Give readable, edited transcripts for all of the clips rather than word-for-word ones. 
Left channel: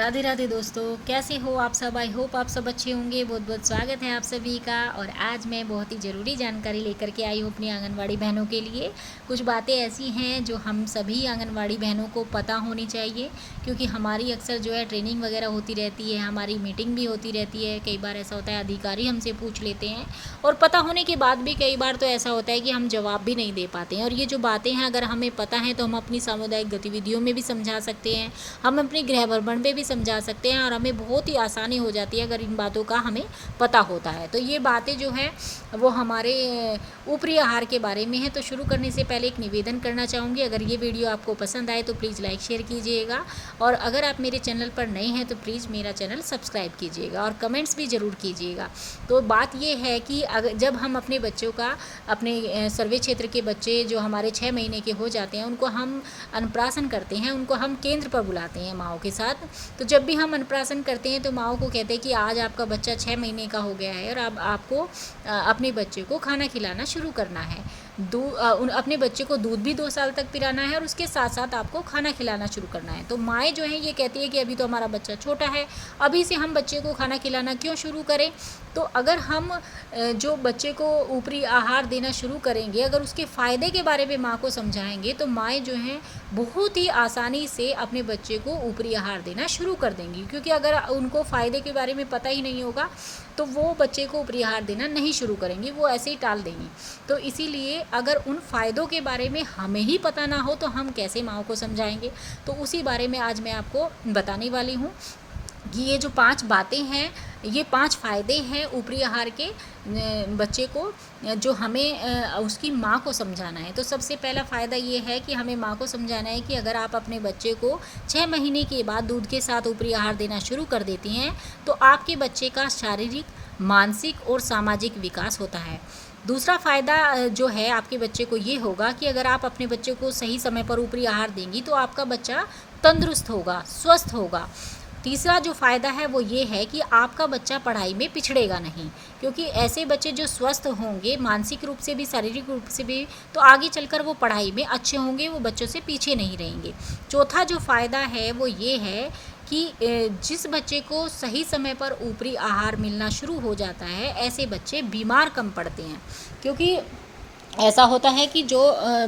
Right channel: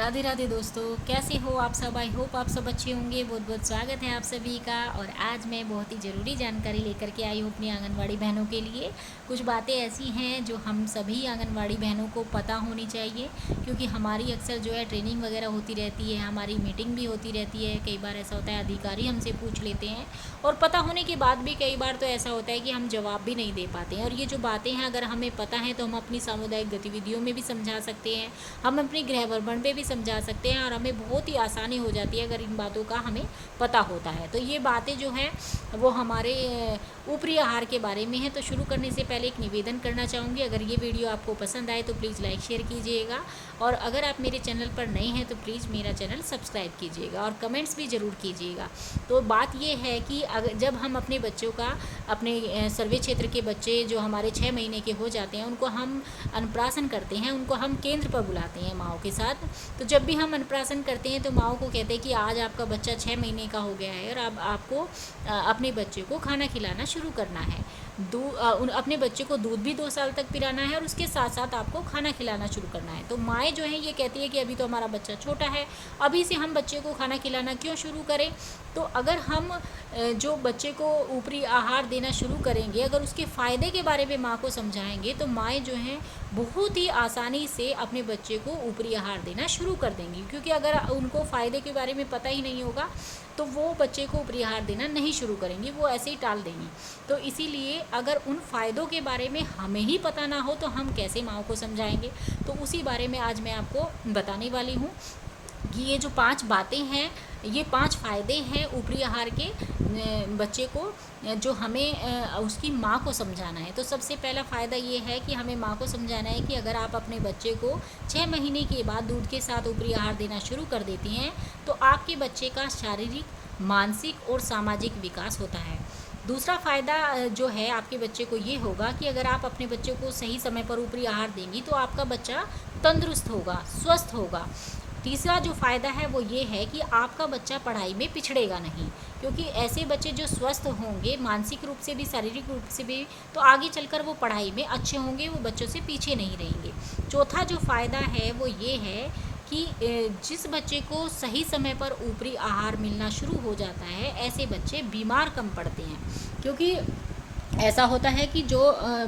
राधे राधे दोस्तों, कैसे हो आप सब। आई होप आप सब अच्छे होंगे। बहुत बहुत स्वागत है आप सभी का। और आज मैं बहुत ही ज़रूरी जानकारी लेकर के आई हूँ अपनी आंगनवाड़ी बहनों के लिए। कुछ बातें ऐसी हैं जो हम सभी आंगनवाड़ी बहनों को पता होनी चाहिए, क्योंकि हमारी अक्सर जो है ट्रेनिंग वगैरह होती रहती है, हमारी मीटिंग भी होती रहती है। कई बार ऐसा होता है अधिकारी हमसे पूछ लेते हैं, और पता होने के बाद भी कई बार तो ऐसा होता है कि हम जवाब भी नहीं दे पाते हैं। और ये जो बातें हैं अगर हमें पता है तो हम अपनी सामुदायिक गतिविधियों में भी समझा सकते हैं, हम अपने गृह भ्रमण पे भी समझा सकते हैं, और हमें बहुत ही आसानी हो जाती है अगर इन बातों का हमें पता होता है। तो ये बातें जो है वो हमारे ऊपरी आहार के बारे में है। तो शुरू करने से पहले एक निवेदन करना चाहूँगी, अगर ये वीडियो आपको पसंद आए तो प्लीज़ लाइक शेयर कीजिएगा, और अगर आप मेरे चैनल पर नए हैं तो प्लीज़ मेरा चैनल सब्सक्राइब कीजिएगा और कमेंट्स भी ज़रूर कीजिएगा। तो बात ये है कि अगर जब हम अपने बच्चों का, अपने सर्वे क्षेत्र के बच्चे जो हमारे 6 महीने के हो जाते हैं, उनको हम अन्नप्राशन करते हैं, उनको हम केंद्र पर बुलाते हैं माँओं के साथ। तो जब भी हम अन्नप्राशन करते हैं तो माँओं को कहते हैं कि आज आपका बच्चा 6 महीने का हो गया है और अब आपको अपने बच्चे को खाना खिलाना शुरू करना है। अपने बच्चे को दूध भी 2 साल तक पिलाना है, और उसके साथ साथ आपको खाना खिलाना शुरू करना है। तो माएँ जो हैं ये कहती है कि अभी तो हमारा बच्चा छोटा है, अभी से हम बच्चे को खाना खिलाना क्यों शुरू करें। तो अगर हम जो बच्चे को ऊपरी आहार देना शुरू करेंगे, अगर उसके फ़ायदे के बारे में माँ को समझाएंगे, तो माएँ जो हैं बहुत ही आसानी से अपने बच्चे को ऊपरी आहार देना शुरू कर देंगी। क्योंकि अगर उनको फ़ायदे के बारे में पता ही नहीं होगा तो वो बच्चे को ऊपरी आहार देना नहीं शुरू करेंगी, वो ऐसे ही टाल देंगी। तो इसीलिए अगर उन फ़ायदों के बारे में हमें ही पता ना हो तो हम कैसे माँ को समझाएंगे। तो उसी बारे में आज मैं आपको बताने वाली हूँ कि ये जो 5 बातें हैं, ये 5 फ़ायदे हैं ऊपरी आहार के बच्चे को, जो हमें उसकी माँ को समझाना है। तो सबसे पहला फ़ायदा ये है कि हमें माँ को समझाना है कि अगर आप अपने बच्चे को 6 महीने के बाद दूध के साथ ऊपरी आहार देना शुरू कर देती हैं तो आपके बच्चे का शारीरिक, मानसिक और सामाजिक विकास होता है। दूसरा फ़ायदा जो है आपके बच्चे को ये होगा कि अगर आप अपने बच्चे को सही समय पर ऊपरी आहार देंगी तो आपका बच्चा तंदुरुस्त होगा, स्वस्थ होगा। तीसरा जो फ़ायदा है वो ये है कि आपका बच्चा पढ़ाई में पिछड़ेगा नहीं, क्योंकि ऐसे बच्चे जो स्वस्थ होंगे मानसिक रूप से भी, शारीरिक रूप से भी, तो आगे चलकर वो पढ़ाई में अच्छे होंगे, वो बच्चों से पीछे नहीं रहेंगे। चौथा जो फ़ायदा है वो ये है कि जिस बच्चे को सही समय पर ऊपरी आहार मिलना शुरू हो जाता है, ऐसे बच्चे बीमार कम पड़ते हैं। क्योंकि ऐसा होता है कि जो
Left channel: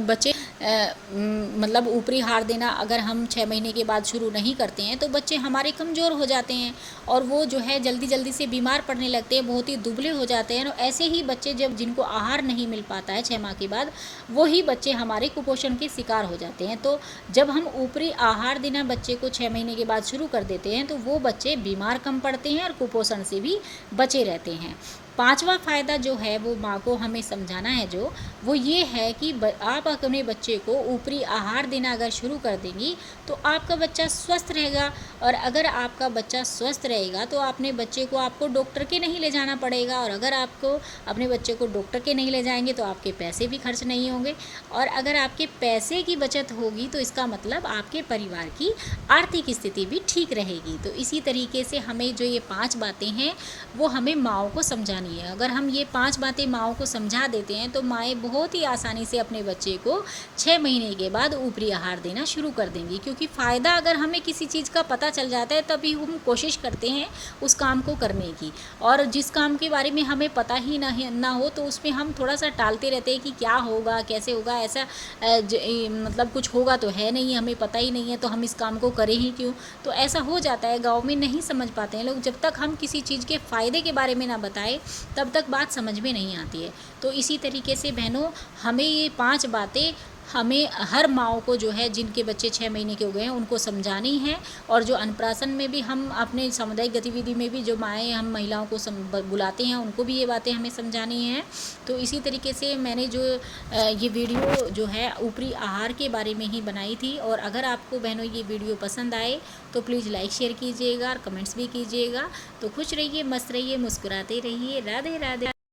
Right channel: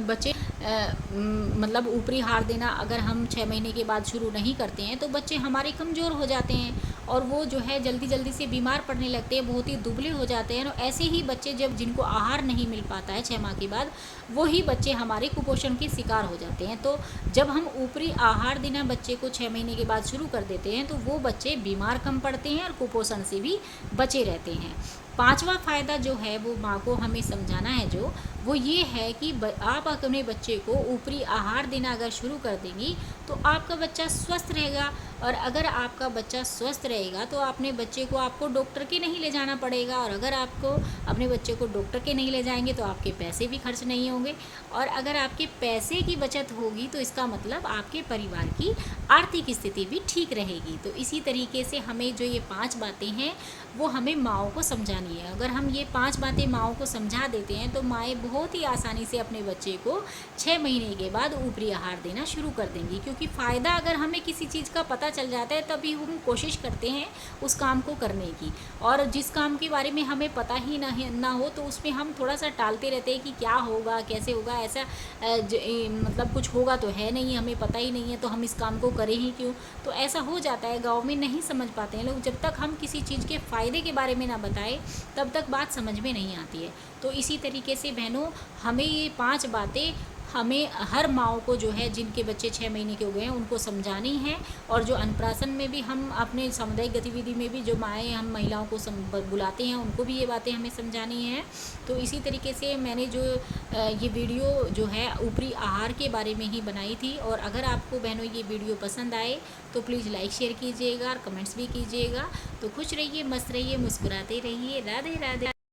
बच्चे मतलब ऊपरी आहार देना अगर हम 6 महीने के बाद शुरू नहीं करते हैं तो बच्चे हमारे कमज़ोर हो जाते हैं, और वो जो है जल्दी जल्दी से बीमार पड़ने लगते हैं, बहुत ही दुबले हो जाते हैं। और ऐसे ही बच्चे जब जिनको आहार नहीं मिल पाता है 6 माह के बाद, वही बच्चे हमारे कुपोषण के शिकार हो जाते हैं। तो जब हम ऊपरी आहार देना बच्चे को 6 महीने के बाद शुरू कर देते हैं तो वो बच्चे बीमार कम पड़ते हैं और कुपोषण से भी बचे रहते हैं। पांचवा फ़ायदा जो है वो माँ को हमें समझाना है, जो वो ये है कि आप अपने बच्चे को ऊपरी आहार देना अगर शुरू कर देंगी तो आपका बच्चा स्वस्थ रहेगा। और अगर आपका बच्चा स्वस्थ रहेगा तो अपने बच्चे को आपको डॉक्टर के नहीं ले जाना पड़ेगा, और अगर आपको अपने बच्चे को डॉक्टर के नहीं ले जाएंगे तो आपके पैसे भी खर्च नहीं होंगे। और अगर आपके पैसे की बचत होगी तो इसका मतलब आपके परिवार की आर्थिक स्थिति भी ठीक रहेगी। तो इसी तरीके से हमें जो ये 5 बातें हैं वो हमें माँओं को समझानी है। अगर हम ये 5 बातें माँओं को समझा देते हैं तो माएँ बहुत ही आसानी से अपने बच्चे को 6 महीने के बाद ऊपरी आहार देना शुरू कर देंगी। क्योंकि फ़ायदा अगर हमें किसी चीज़ का पता चल जाता है तभी हम कोशिश करते हैं उस काम को करने की, और जिस काम के बारे में हमें पता ही ना हो तो उसमें हम थोड़ा सा टालते रहते हैं कि क्या होगा, कैसे होगा, ऐसा मतलब कुछ होगा तो है नहीं, हमें पता ही नहीं है तो हम इस काम को करें ही क्यों। तो ऐसा हो जाता है, गाँव में नहीं समझ पाते हैं लोग। जब तक हम किसी चीज़ के फ़ायदे के बारे में ना बताएं तब तक बात समझ में नहीं आती है। तो इसी तरीके से बहनों, हमें ये 5 बातें हमें हर माँओं को जो है जिनके बच्चे 6 महीने के हो गए हैं उनको समझानी है। और जो अन्नप्राशन में भी हम अपने सामुदायिक गतिविधि में भी जो माएँ हम महिलाओं को बुलाते हैं उनको भी ये बातें हमें समझानी हैं। तो इसी तरीके से मैंने जो ये वीडियो जो है ऊपरी आहार के बारे में ही बनाई थी। और अगर आपको बहनों ये वीडियो पसंद आए तो प्लीज़ लाइक शेयर कीजिएगा और कमेंट्स भी कीजिएगा। तो खुश रहिए, मस्त रहिए, मुस्कुराते रहिए। राधे राधे।